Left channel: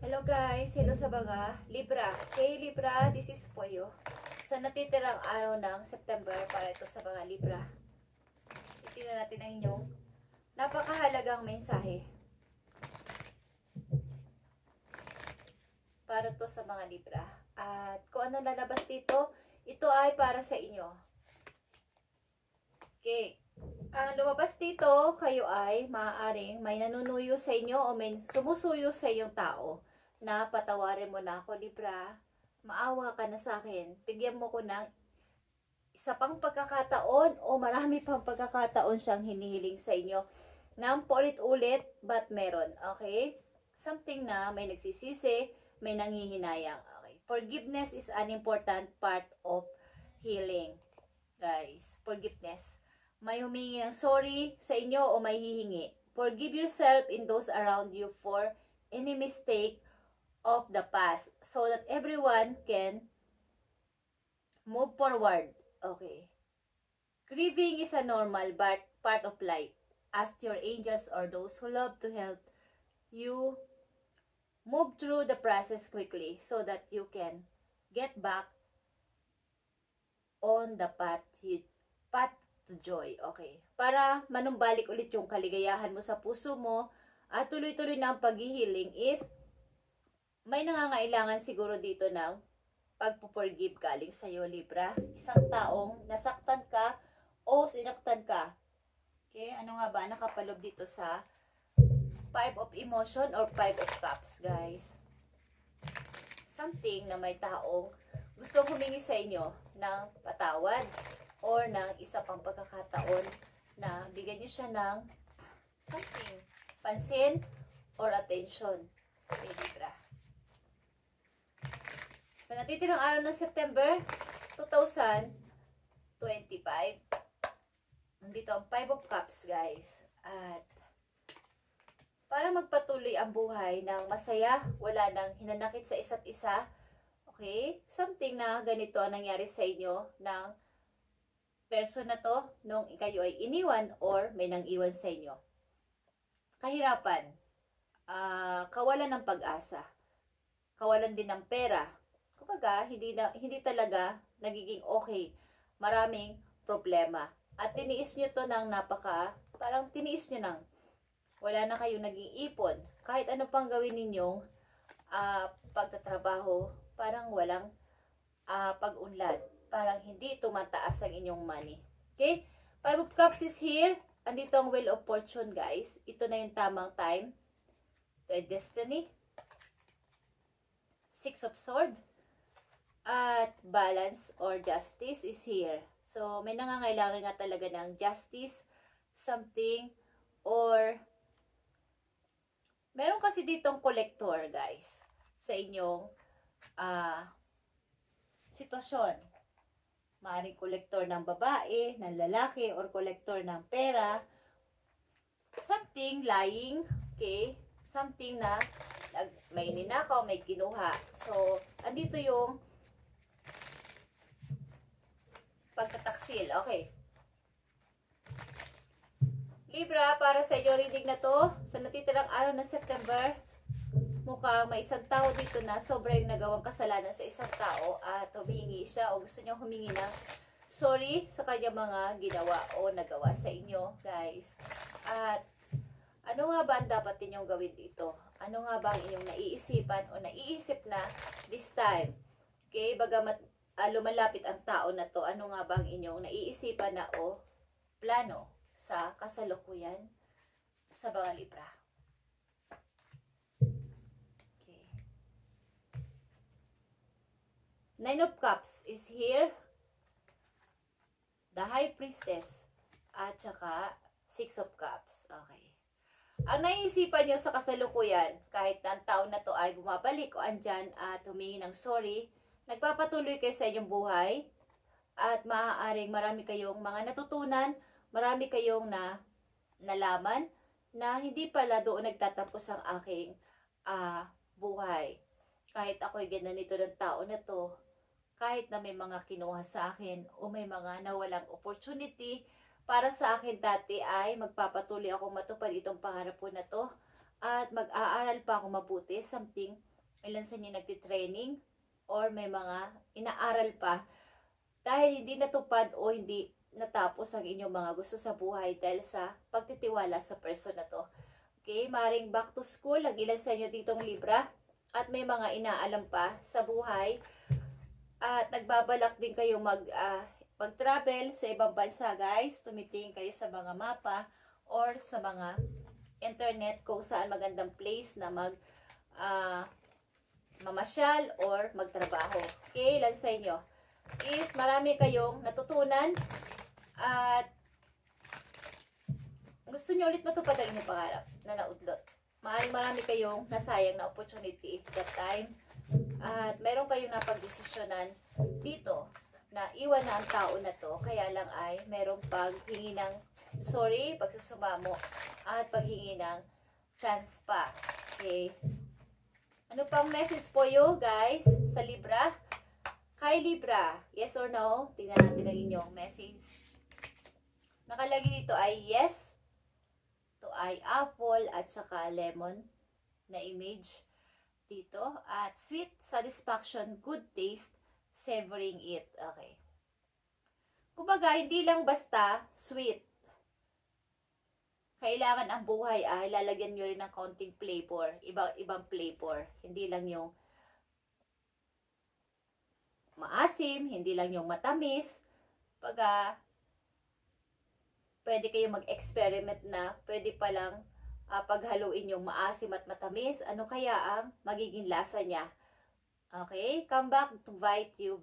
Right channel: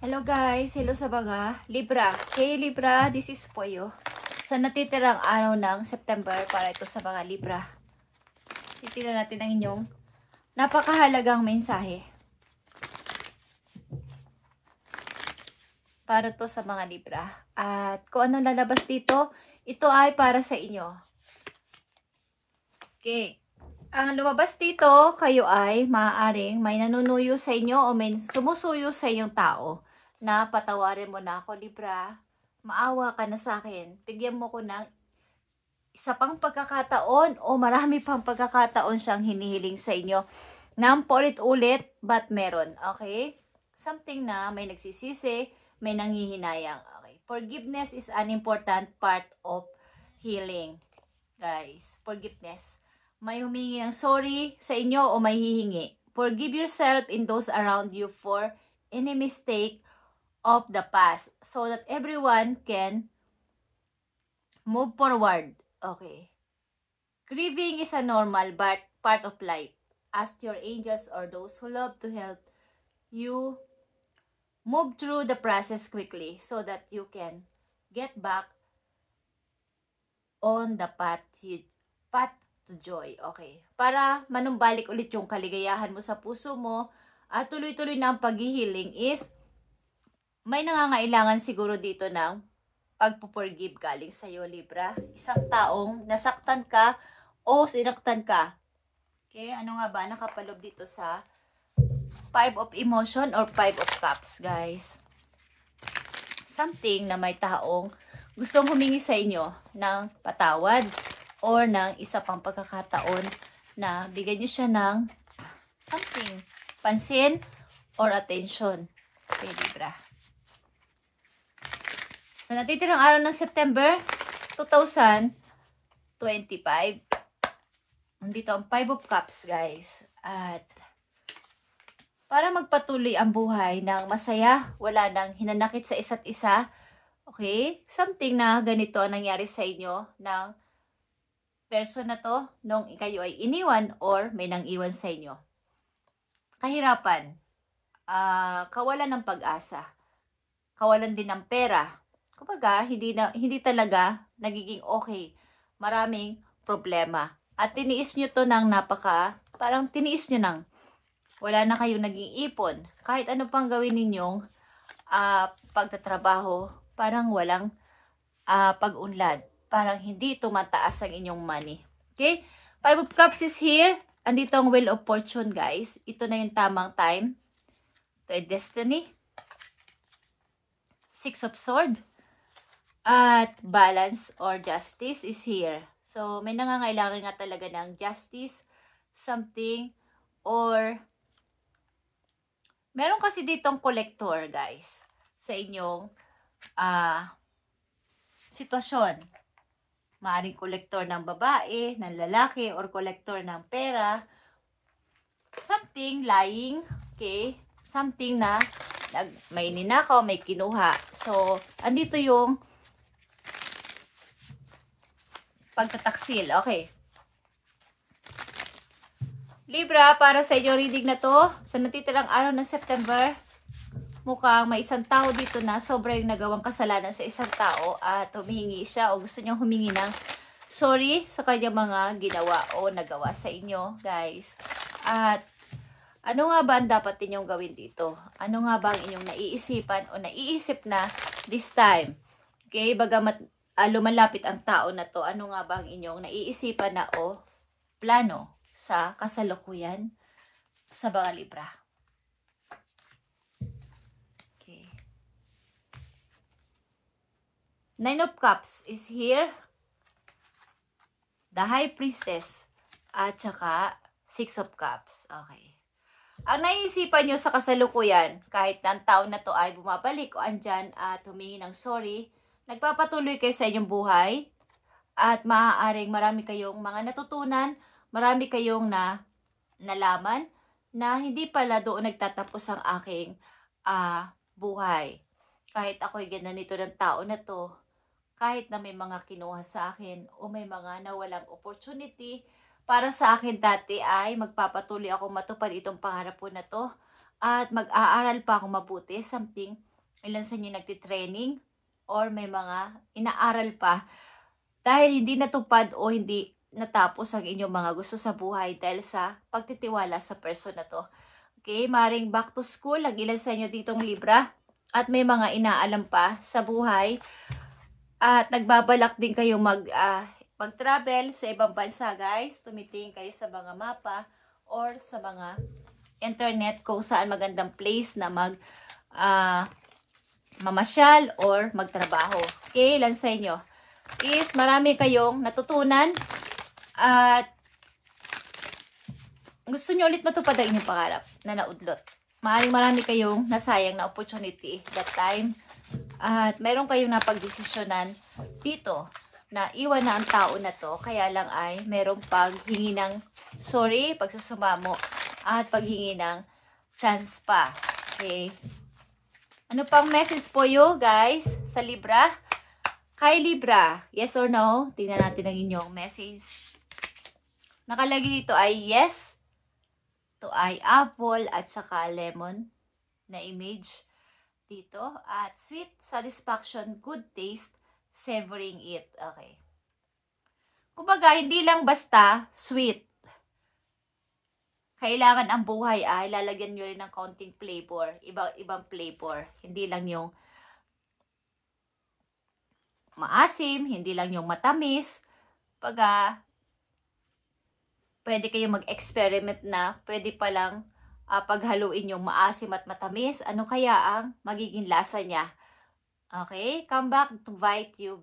Hello guys, hello sa mga Libra. Hey Libra, this is Poyo. Sa natitirang araw ng September para ito sa mga Libra. Titignan natin ang inyong napakahalagang mensahe. Para to sa mga Libra. At kung anong lalabas dito, ito ay para sa inyo. Okay. Ang lumabas dito, kayo ay maaaring may nanunuyo sa inyo o may sumusuyo sa inyong tao na patawarin mo na ako, Libra. Maawa ka na sa akin. Bigyan mo ko ng isa pang pagkakataon o marami pang pagkakataon siyang hinihiling sa inyo nang paulit-ulit, but meron. Okay? Something na may nagsisisi, may nanghihinayang. Okay? Forgiveness is an important part of healing. Guys, forgiveness. May humingi ng sorry sa inyo o may hihingi. Forgive yourself and those around you for any mistake of the past so that everyone can move forward. Okay. Grieving is a normal but part of life. Ask your angels or those who love to help you move through the process quickly so that you can get back on the path to joy. Okay. Para manumbalik ulit yung kaligayahan mo sa puso mo at tuloy-tuloy na ang paghihiling is may nangangailangan siguro dito ng pagpuporgive galing sa iyo, Libra. Isang taong nasaktan ka o sinaktan ka. Okay, ano nga ba nakapalob dito sa 5 of emotion or 5 of cups, guys? Something na may taong gustong humingi sa inyo ng patawad or ng isa pang pagkakataon na bigyan nyo siya ng something, pansin or attention. Okay, Libra. So, natitirang araw ng September 2025. Nandito ang 5 of Cups, guys. At para magpatuloy ang buhay ng masaya, wala nang hinanakit sa isa't isa. Okay? Something na ganito ang nangyari sa inyo ng person na to nung kayo ay iniwan or may nang iwan sa inyo. Kahirapan. Kawalan ng pag-asa. Kawalan din ng pera. Kumbaga, hindi talaga nagiging okay. Maraming problema. At tiniis nyo to ng parang tiniis nyo nang wala na kayong naging ipon. Kahit ano pang gawin ninyong pagtatrabaho, parang walang pag-unlad. Parang hindi tumataas ang inyong money. Okay? 5 of Cups is here. Andito ang Wheel of Fortune, guys. Ito na yung tamang time. Ito ay Destiny. 6 of Swords. At balance or justice is here. So, may nangangailangan nga talaga ng justice, something, or meron kasi ditong collector, guys, sa inyong sitwasyon. Maaring collector ng babae, ng lalaki, or collector ng pera. Something lying, okay? Something na may ninakaw, may kinuha. So, andito yung pagtataksil. Okay. Libra, para sa inyo reading na to, sa natitirang araw ng September, mukhang may isang tao dito na sobrang nagawang kasalanan sa isang tao at humihingi siya o gusto niyang humingi ng sorry sa kanyang mga ginawa o nagawa sa inyo, guys. At ano nga ba ang dapat ninyong gawin dito? Ano nga ba ang inyong naiisipan o naiisip na this time? Okay, bagamat lumalapit ang tao na to, ano nga ba ang inyong naiisipan na o plano sa kasalukuyan sa mga Libra? Okay. 9 of Cups is here. The High Priestess. At saka 6 of Cups. Okay. Ang naiisipan nyo sa kasalukuyan, kahit na ang tao na to ay bumabalik o andyan at humingi ng sorry, nagpapatuloy kayo sa inyong buhay at maaaring marami kayong mga natutunan, marami kayong nalaman na hindi pala doon nagtatapos ang aking buhay. Kahit ako'y ganito ng tao na to, kahit na may mga kinuha sa akin o may mga nawalang opportunity, para sa akin dati ay magpapatuloy ako matupad itong pangarap ko na to at mag-aaral pa ako mabuti, something Ilan sa inyo nagtitraining or may mga inaaral pa dahil hindi natupad o hindi natapos ang inyong mga gusto sa buhay dahil sa pagtitiwala sa person na to. Okay, maring back to school, ang ilan sa inyo ditong Libra at may mga inaalam pa sa buhay at nagbabalak din kayong mag-travel sa ibang bansa, guys. Tumitingin kayo sa mga mapa or sa mga internet kung saan magandang place na mamasyal or magtrabaho. Okay, ilan sa inyo is marami kayong natutunan at gusto nyo ulit matupad ang inyong pangarap na naudlot. Marami kayong nasayang na opportunity that time at meron kayong napagdesisyonan dito na iwan na ang tao na to, kaya lang ay merong paghingi ng sorry, pagsusumamo at paghingi ng chance pa. Okay. Ano pang message po you guys sa Libra? Kay Libra, yes or no? Tingnan natin ang inyong message. Nakalagay dito ay yes, to ay apple at saka lemon na image dito. At sweet satisfaction, good taste, savoring it. Okay. Kumbaga, hindi lang basta sweet. Kailangan ang buhay ay lalagyan nyo rin ng konting flavor. Ibang flavor. Hindi lang yung maasim, hindi lang yung matamis. Pwede kayong mag-experiment na pwede palang paghaluin yung maasim at matamis. Ano kaya ang magiging lasa niya? Okay? Come back to bite you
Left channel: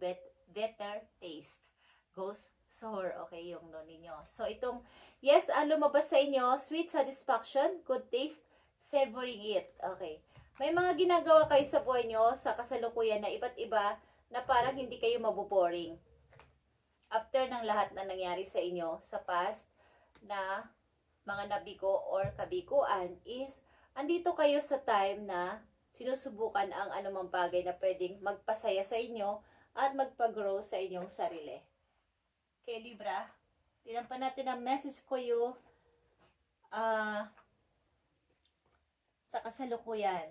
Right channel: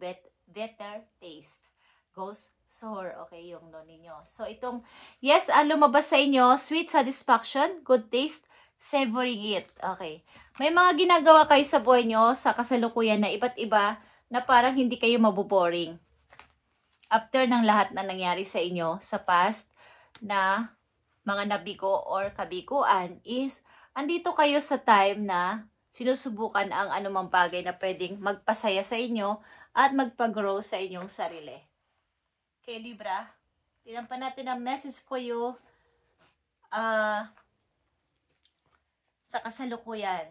better taste. Goes sour. Okay, yung no ninyo. So, itong, yes, ang lumabas sa inyo, sweet satisfaction, good taste, savoring it. Okay. May mga ginagawa kayo sa buhay nyo sa kasalukuyan na iba't iba na parang hindi kayo maboboring. After ng lahat na nangyari sa inyo sa past na mga nabigo or kabiguan is andito kayo sa time na sinusubukan ang anumang bagay na pwedeng magpasaya sa inyo at magpag-grow sa inyong sarili. Okay, Libra, tignan pa natin ang message for you sa kasalukuyan.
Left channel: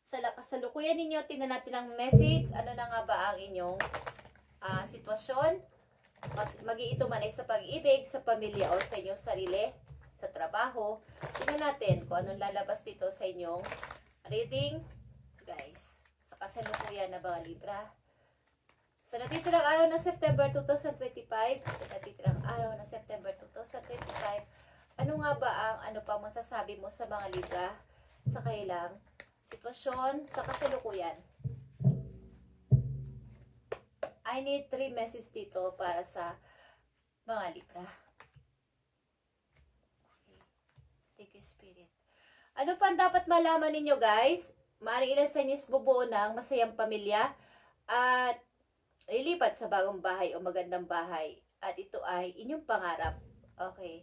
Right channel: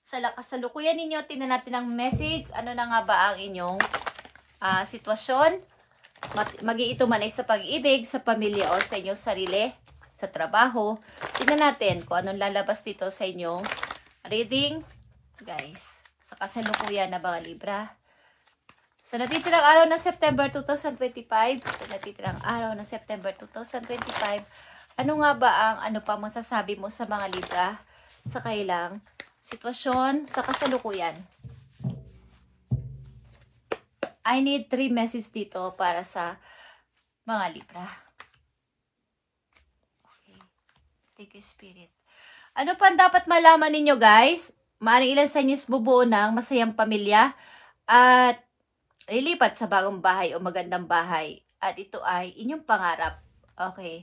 Sa kasalukuyan ninyo, tingnan natin ang message. Ano na nga ba ang inyong sitwasyon? Magi ito man ay sa pag-ibig, sa pamilya o sa inyong sarili, sa trabaho. Tingnan natin kung anong lalabas dito sa inyong reading. Guys, sa kasalukuyan na mga Libra. Sa natitirang araw ng September 2025, ano nga ba ang ano pa masasabi mo sa mga Libra sa kailang sitwasyon sa kasalukuyan? I need 3 messages dito para sa mga Libra. Okay. Thank you, Spirit. Ano pa dapat malaman ninyo, guys? Maaaring ilan sa inyo bubuo ng masayang pamilya at lilipat sa bagong bahay o magandang bahay. At ito ay inyong pangarap. Okay.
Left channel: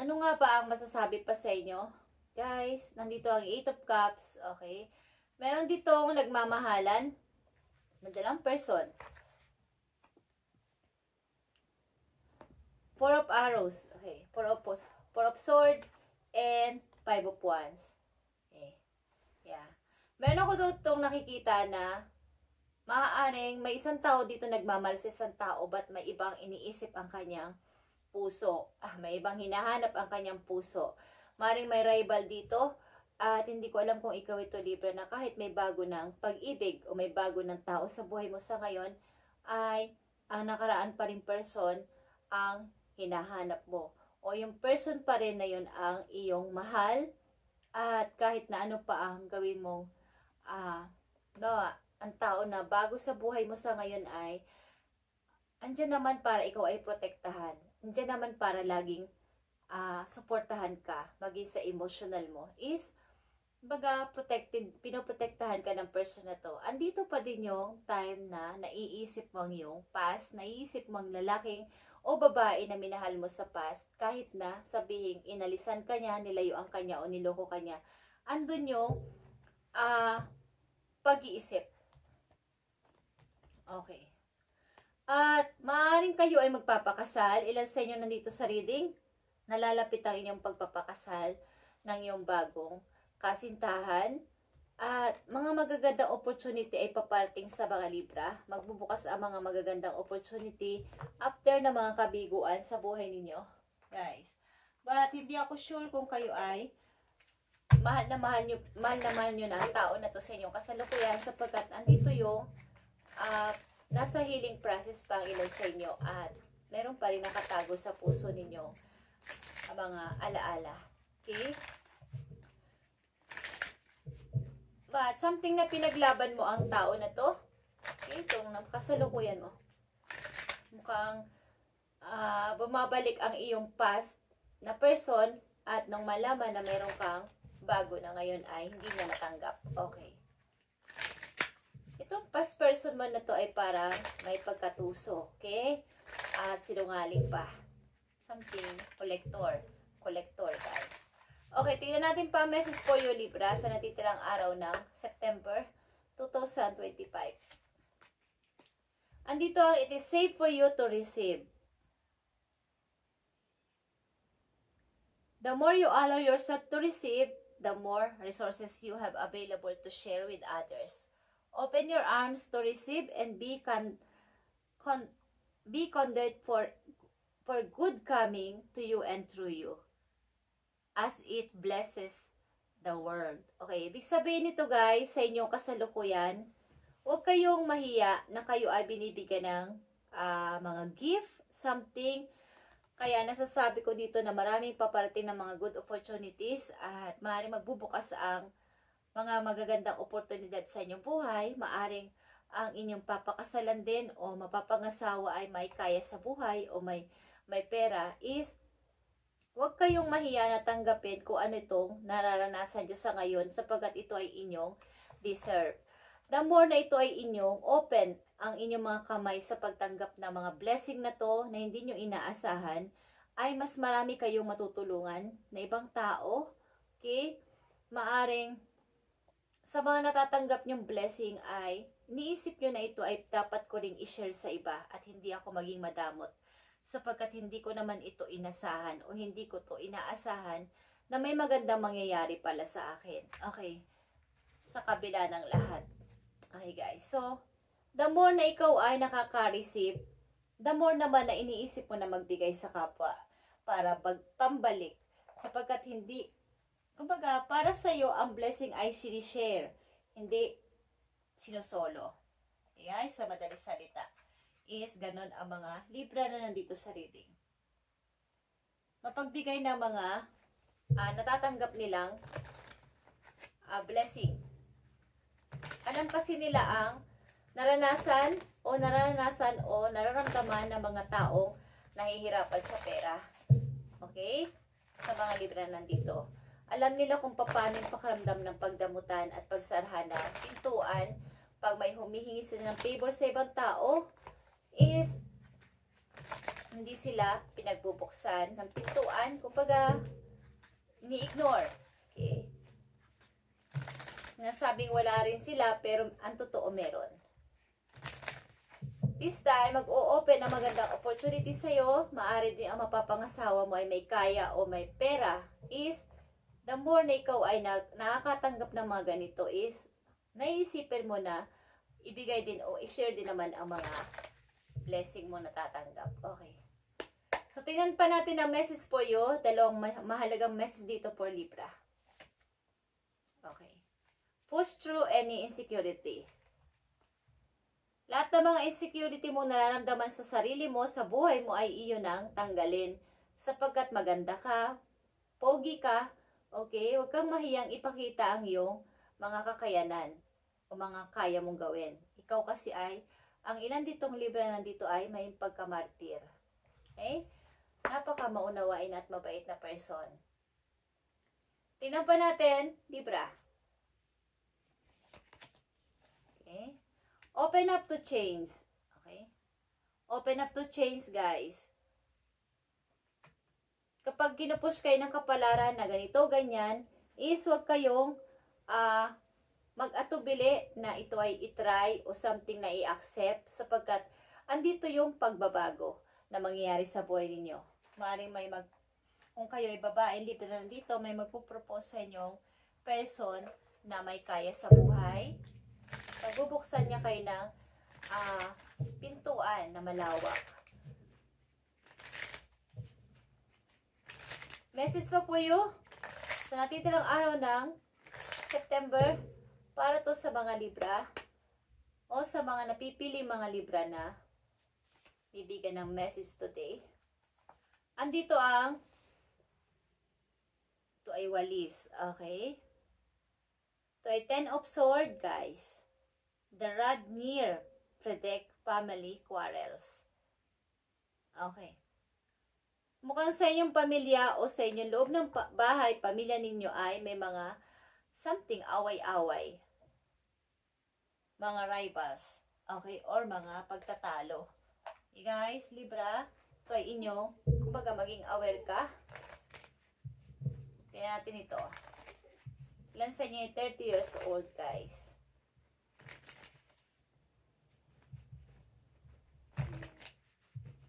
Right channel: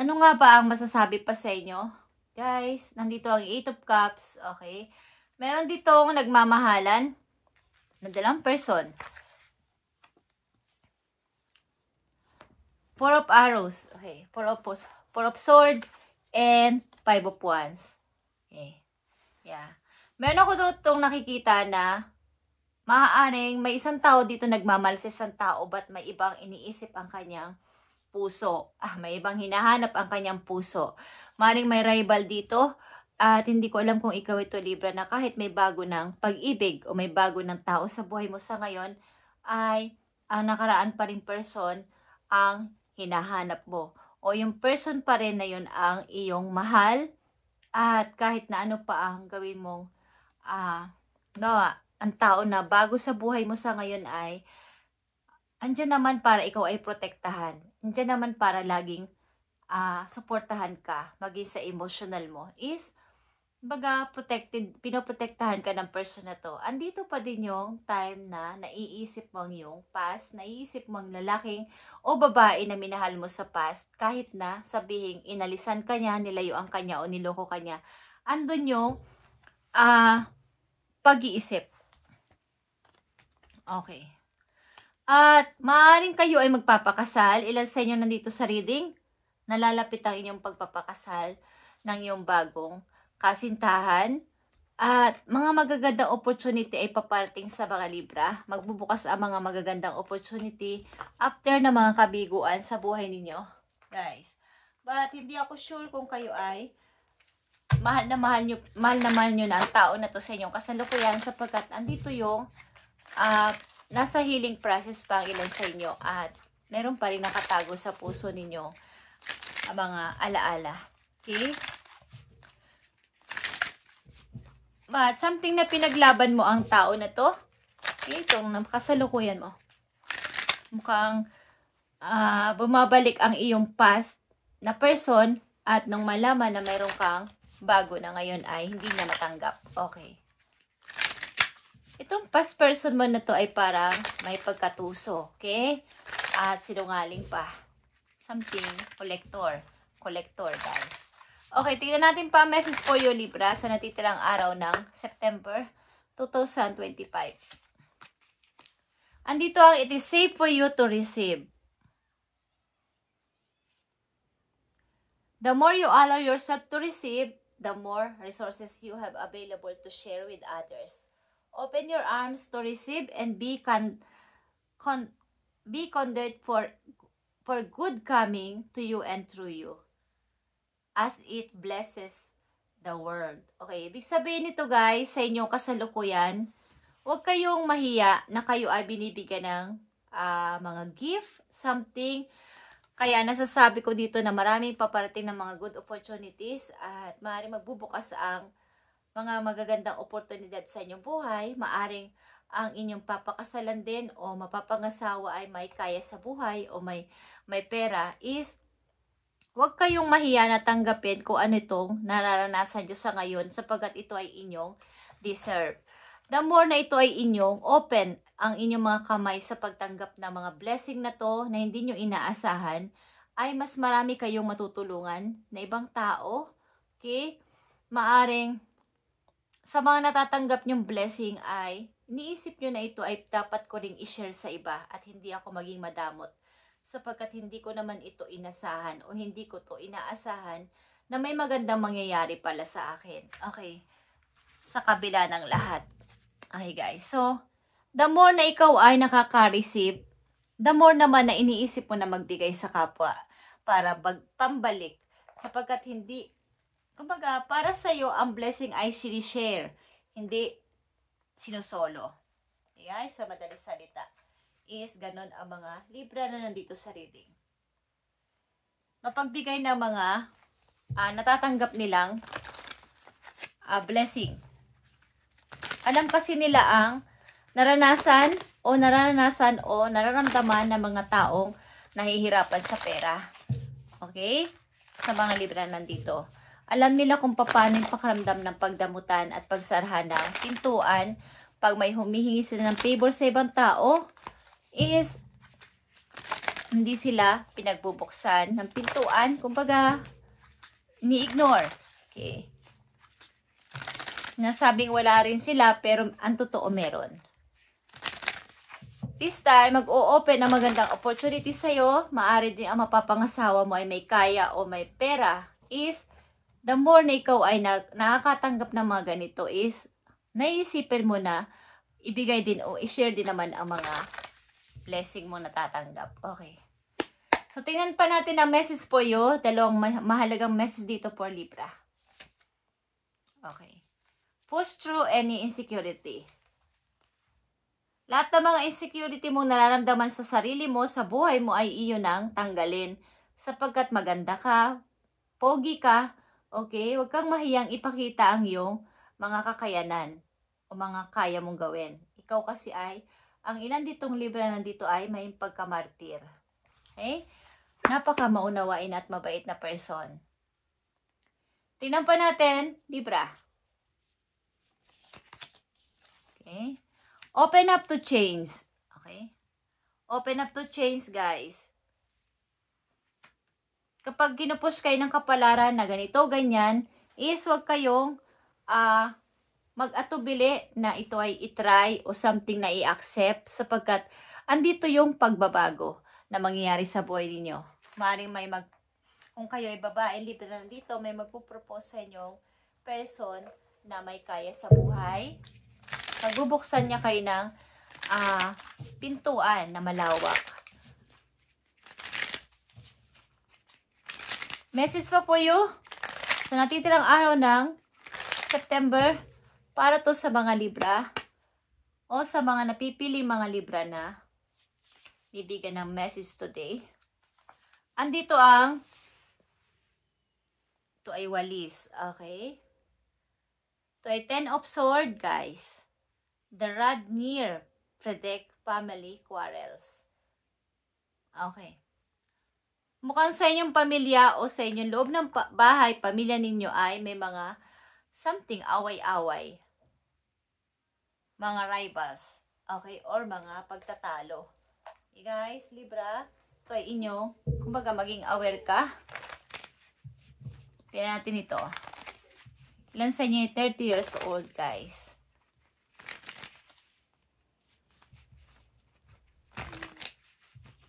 Ano nga ba ang masasabi pa sa inyo? Guys, nandito ang 8 of Cups. Okay. Meron ditong nagmamahalan na dalang person. 4 of Arrows. Okay. 4 of Sword and 5 of Wands. Okay. Yeah. Meron ako itong nakikita na maaaring may isang tao dito nagmamahal sa isang tao but may ibang iniisip ang kanyang puso. May ibang hinahanap ang kanyang puso. Maaaring may rival dito. At hindi ko alam kung ikaw ito, Libra, na kahit may bago ng pag-ibig o may bago ng tao sa buhay mo sa ngayon, ay ang nakaraan pa rin person ang hinahanap mo. O yung person pa rin na yun ang iyong mahal at kahit na ano pa ang gawin mong ang tao na bago sa buhay mo sa ngayon ay andyan naman para ikaw ay protektahan. Andyan naman para laging suportahan ka, maging sa emotional mo is pinoprotektahan ka ng person na to. Andito pa din yung time na naiisip mo ang yung past, naiisip mo ang lalaking o babae na minahal mo sa past, kahit na sabihin inalisan ka niya, nilayuan ka niya o niloko ka niya. Andun yung pag-iisip. Okay. At maaaring kayo ay magpapakasal. Ilan sa inyo nandito sa reading? Nalalapit ang inyong pagpapakasal ng iyong bagong kasintahan, at mga magagandang opportunity ay paparating sa mga Libra. Magbubukas ang mga magagandang opportunity after na mga kabiguan sa buhay ninyo, guys. But hindi ako sure kung kayo ay mahal na mahal nyo na ang tao na to sa inyong kasalukuyan, sapagkat andito yung nasa healing process pa ang ilan sa inyo at meron pa rin nakatago sa puso ninyo ang mga alaala. Okay? But something na pinaglaban mo ang tao na to. Okay? Itong kasalukuyan mo. Mukhang bumabalik ang iyong past na person at nung malaman na mayroon kang bago na ngayon ay hindi na natanggap. Okay. Itong past person mo na to ay parang may pagkatuso. Okay? At sinungaling pa. Something collector. Collector, guys. Okay, tingnan natin pa message for you, Libra, sa natitirang araw ng September 2025. Andito ang it is safe for you to receive. The more you allow yourself to receive, the more resources you have available to share with others. Open your arms to receive and be conduit for good coming to you and through you, as it blesses the world. Okay, ibig sabihin nito, guys, sa inyong kasalukuyan, huwag kayong mahiya na kayo ay binibigyan ng mga gift, something. Kaya nasasabi ko dito na maraming paparating ng mga good opportunities at maaaring magbubukas ang mga magagandang oportunidad sa inyong buhay. Maaaring ang inyong papakasalan din o mapapangasawa ay may kaya sa buhay o may pera. Is huwag kayong mahiya na tanggapin kung ano itong nararanasan nyo sa ngayon, sapagkat ito ay inyong deserve. The more na ito ay inyong open ang inyong mga kamay sa pagtanggap ng mga blessing na to na hindi nyo inaasahan, ay mas marami kayong matutulungan na ibang tao. Okay? Maaring sa mga natatanggap nyong blessing ay iniisip nyo na ito ay dapat ko ring i-share sa iba at hindi ako maging madamot, sapagkat hindi ko naman ito inasahan o hindi ko to inaasahan na may magandang mangyayari pala sa akin. Okay? Sa kabila ng lahat. Okay, guys. So, the more na ikaw ay nakaka-receive, the more naman na iniisip mo na magbigay sa kapwa para pambalik. Sapagkat hindi, kumbaga, para sa'yo, ang blessing ay sinishare, hindi sinusolo. Okay, guys? Sa madaling salita. Is ganon ang mga Libra na nandito sa reading. Mapagbigay ng mga natatanggap nilang blessing. Alam kasi nila ang naranasan o nararamdaman ng mga taong nahihirapan sa pera. Okay? Sa mga Libra nandito. Alam nila kung paano yung pakiramdam ng pagdamutan at pagsarhan ng pintuan pag may humihingi sila ng favor sa ibang tao. Is hindi sila pinagbubuksan ng pintuan, kumbaga ni-ignore. Okay. Nasabing wala rin sila pero ang totoo meron. This time, mag-o-open ang magandang opportunity sa'yo. Maaari din ang mapapangasawa mo ay may kaya o may pera. Is the more na ikaw ay nakakatanggap ng mga ganito is naisipin mo na ibigay din o i-share din naman ang mga blessing mo natatanggap. Okay. So, tingnan pa natin ang message for you. Dalawang mahalagang message dito for Libra. Okay. Push through any insecurity. Lahat ng mga insecurity mong nararamdaman sa sarili mo, sa buhay mo, ay iyo nang tanggalin. Sapagkat maganda ka, pogi ka, okay? Huwag kang mahiyang ipakita ang iyong mga kakayanan o mga kaya mong gawin. Ikaw kasi ay ang ilan ditong Libra na nandito ay may pagkamartir. Okay? Napaka maunawain at mabait na person. Tingnan pa natin, Libra. Okay? Open up to change. Okay? Open up to change, guys. Kapag ginupush kayo ng kapalaran na ganito, ganyan, is huwag kayong mag-atubili na ito ay itry o something na i-accept, sapagkat andito yung pagbabago na mangyayari sa buhay ninyo. Maaaring kung kayo ay babae, Libra na dito, may magpo-propose sa inyo person na may kaya sa buhay. Magbubuksan niya kayo ng pintuan na malawak. Message pa po you sa natitirang araw ng September para to sa mga Libra o sa mga napipili mga Libra na bibigyan ng message today. Andito ito ay walis, okay? Ito ay 10 of Swords, guys. The rod near predict family quarrels. Okay. Mukhang sa inyong pamilya o sa inyong loob ng bahay, pamilya ninyo ay may mga something away-away. Mga rivals. Okay? Or mga pagtatalo. Okay, guys, Libra, ito ay inyo. Kumbaga, maging aware ka. Tingnan natin ito. Ilan sa inyo ay 30 years old, guys.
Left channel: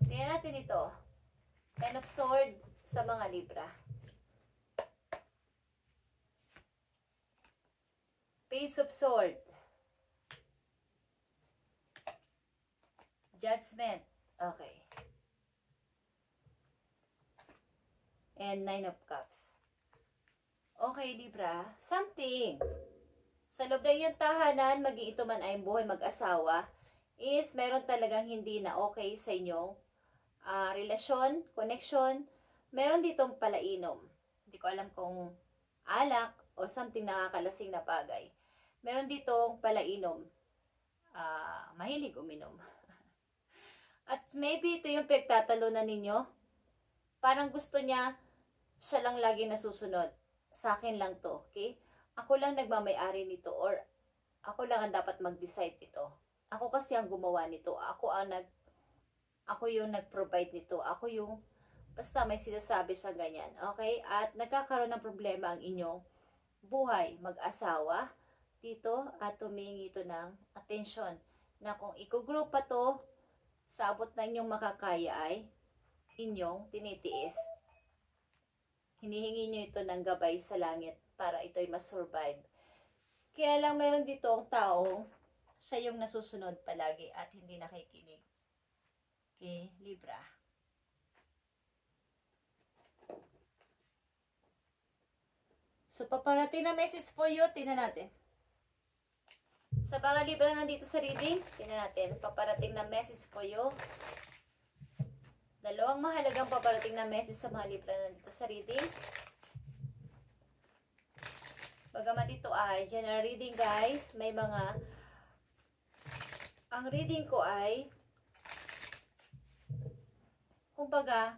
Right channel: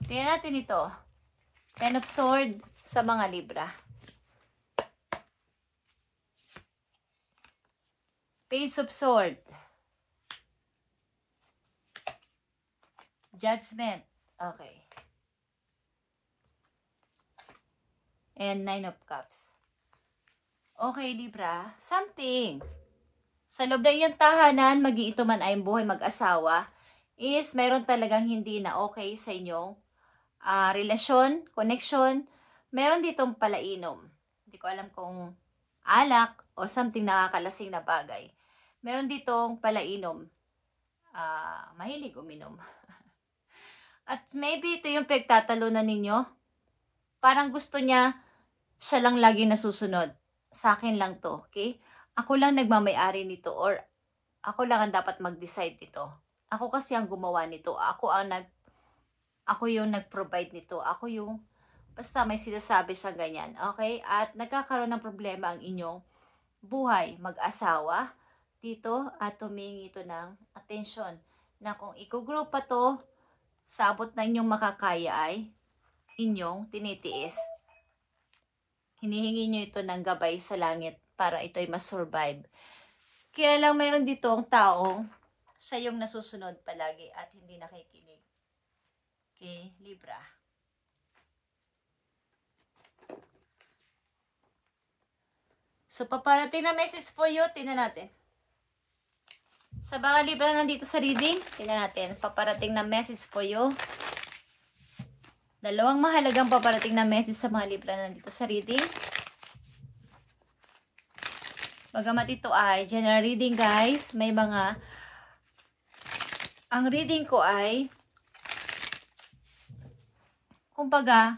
Tingnan natin ito. 10 of Swords sa mga Libra. Page of Swords. Judgment. Okay. And 9 of Cups. Okay, Libra. Something. Sa loob ng iyong tahanan, mag-iito man ay buhay mag-asawa, is meron talagang hindi na okay sa inyong relasyon, connection. Meron ditong palainom. Hindi ko alam kung alak or something nakakalasing na bagay. Meron ditong palainom. Mahilig uminom. At maybe ito yung pagtatalunan ninyo. Parang gusto niya, siya lang lagi nasusunod. Sa akin lang to, okay? Ako lang nagmamay-ari nito or ako lang ang dapat mag-decide nito. Ako kasi ang gumawa nito. Ako yung nag-provide nito. Ako yung, basta may sinasabi siya ganyan. Okay? At nagkakaroon ng problema ang inyong buhay, mag-asawa dito at humingi ito ng attention. Na kung i-group pa to, sabot na inyong makakaya ay inyong tinitiis. Hinihingi nyo ito ng gabay sa langit para ito ay masurvive. Kaya lang meron dito ang tao, siya yung nasusunod palagi at hindi nakikinig. Okay, Libra. So, paparating na message for you. Tingnan natin. Sa mga Libra nandito sa reading, tingnan natin. Paparating na message for you. Dalawang mahalagang paparating na message sa mga Libra nandito sa reading. Bagamat ito ay general reading, guys, may mga... Ang reading ko ay... Kumbaga,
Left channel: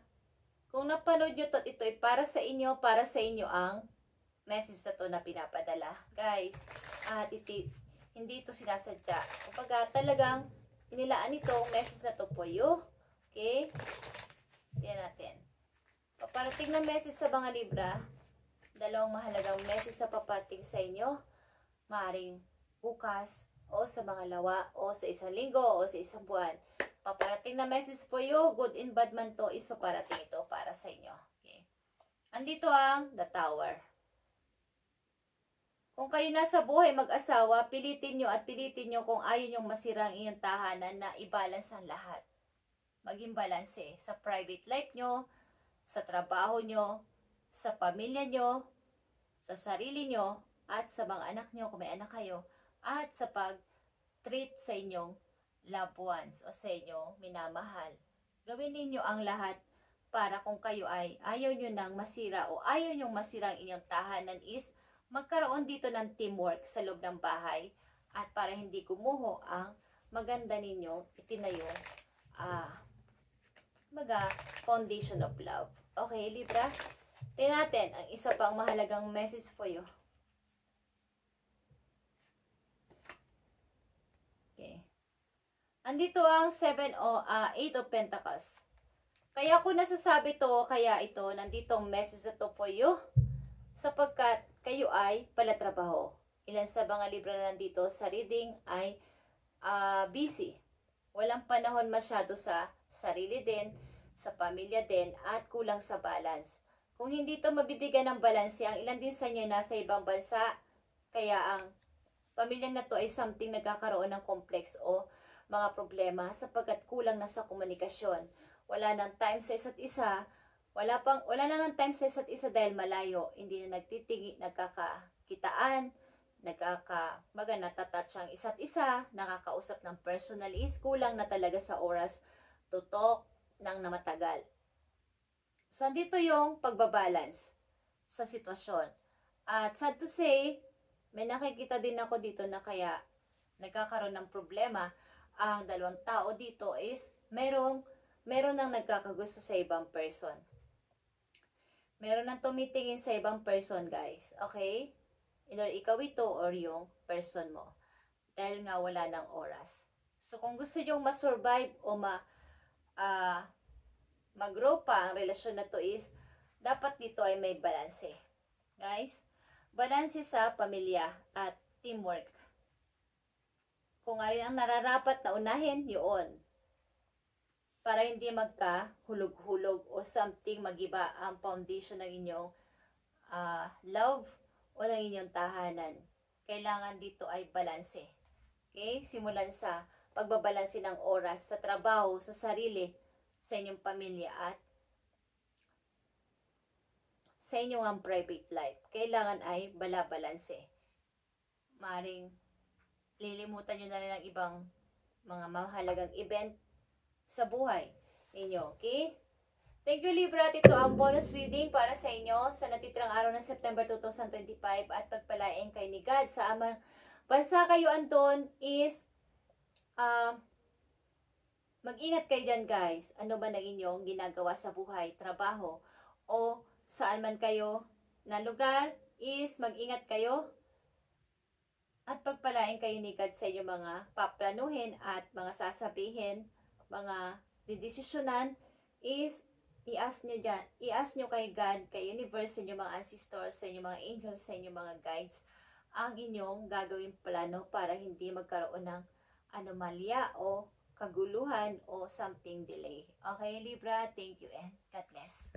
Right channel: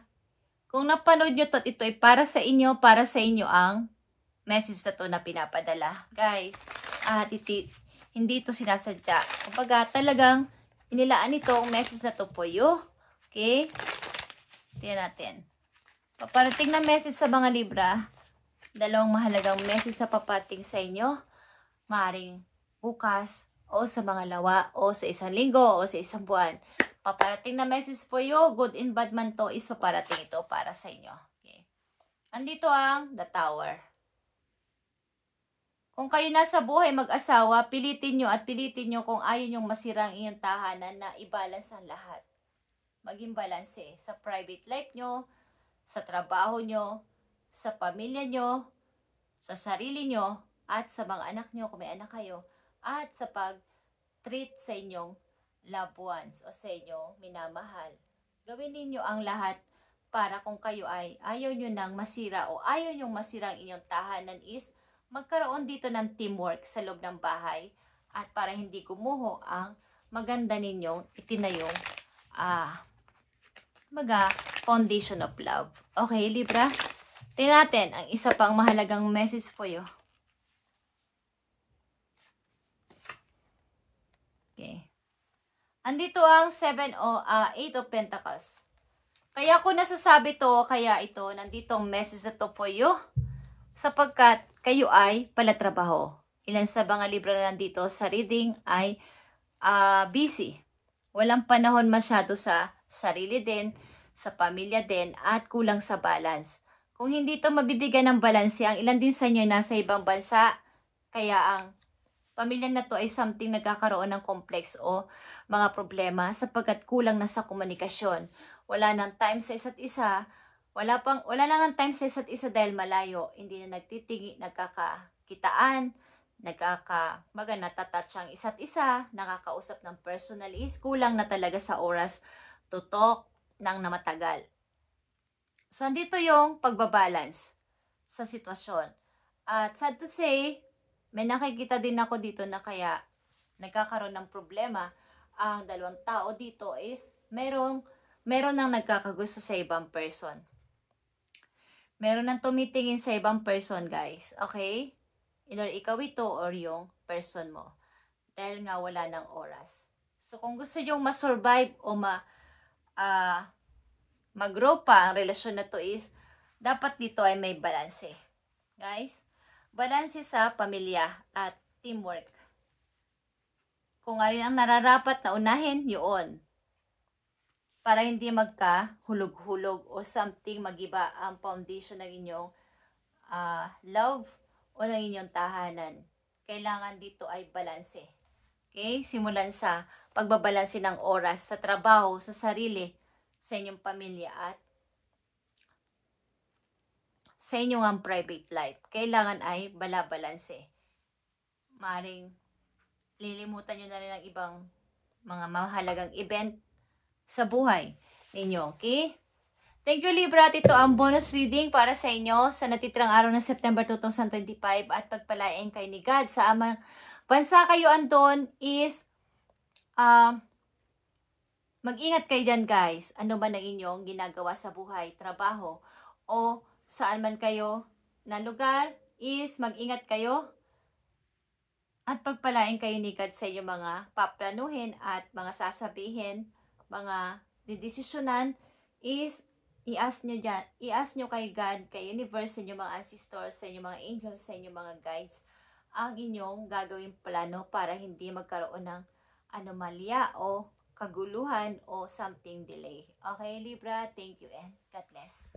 kung napanood nyo ito ay para sa inyo ang message na to na pinapadala. Guys, hindi ito sinasadya. Kumbaga, talagang inilaan ito ang message na to po you. Okay? Tingnan natin. Paparating na message sa mga Libra. Dalawang mahalagang message sa paparating sa inyo. Maaaring bukas, o sa mga lawa, o sa isang linggo, o sa isang buwan. Paparating na message po you. Good and bad man to is paparating ito para sa inyo. Okay. Andito ang The Tower. Kung kayo nasa buhay mag-asawa, pilitin nyo kung ayaw nyong masira ang inyong tahanan na i-balance ang lahat. Maging balanse sa private life nyo, sa trabaho nyo, sa pamilya nyo, sa sarili nyo, at sa mga anak nyo kung may anak kayo, at sa pag-treat sa inyong loved ones o sa inyong minamahal. Gawin ninyo ang lahat para kung kayo ay ayaw nyo nang masira o ayaw nyo masira ang inyong tahanan is magkaroon dito ng teamwork sa loob ng bahay at para hindi kumuho ang maganda ninyong itinayong foundation of love. Okay, Libra? Tingnan natin ang isa pang mahalagang message po you. Okay. Andito ang 8 of Pentacles. Kaya ko nasasabi to, kaya ito, nandito ang message na to po you. Sapagkat kayo ay palatrabaho. Ilan sa mga Libra na nandito sa reading ay busy. Walang panahon masyado sa sarili din, sa pamilya din, at kulang sa balance. Kung hindi to mabibigyan ng balanse, ang ilan din sa inyo nasa ibang bansa, kaya ang pamilya na to ay something nagkakaroon ng complex o mga problema sapagkat kulang na sa komunikasyon. Wala nang time sa isa't isa, wala nang ang time sa isa't isa dahil malayo, hindi na nagkakakitaan, natatouch ang isa't isa, nakakausap ng personally, is kulang na talaga sa oras to talk ng na matagal. So, andito yung pagbabalance sa sitwasyon. At sad to say, may nakikita din ako dito na kaya nagkakaroon ng problema. Ang dalawang tao dito is meron nang nagkakagusto sa ibang person. Meron nang tumitingin sa ibang person, guys. Okay? Either ikaw ito or yung person mo. Dahil nga wala ng oras. So, kung gusto nyo ma-survive o mag-grow pa ang relasyon na to is, dapat dito ay may balanse. Guys, balanse sa pamilya at teamwork. Kung nga rin ang nararapat na unahin, yun. Para hindi magka-hulog-hulog o something magiba ang foundation ng inyong love o ng inyong tahanan. Kailangan dito ay balanse. Okay? Simulan sa pagbabalanse ng oras sa trabaho, sa sarili, sa inyong pamilya at sa inyong ang private life. Kailangan ay balabalanse. Maring lilimutan nyo na rin ang ibang mga mahalagang event sa buhay ninyo. Okay? Thank you, Libra. At ito ang bonus reading para sa inyo sa natitirang araw ng September 2025 at pagpalain kay ni God sa amang bansa kayo andon is mag-ingat kayo dyan, guys. Ano ba na inyong ginagawa sa buhay, trabaho, o saan man kayo na lugar is mag-ingat kayo at pagpalain kayo ni God sa inyong mga paplanuhin at mga sasabihin, mga didesisyonan is i-ask nyo kay God, kay universe, sa inyong mga ancestors, sa inyong mga angels, sa inyong mga guides, ang inyong gagawing plano para hindi magkaroon ng anomalya o kaguluhan o something delay. Okay, Libra? Thank you and God bless.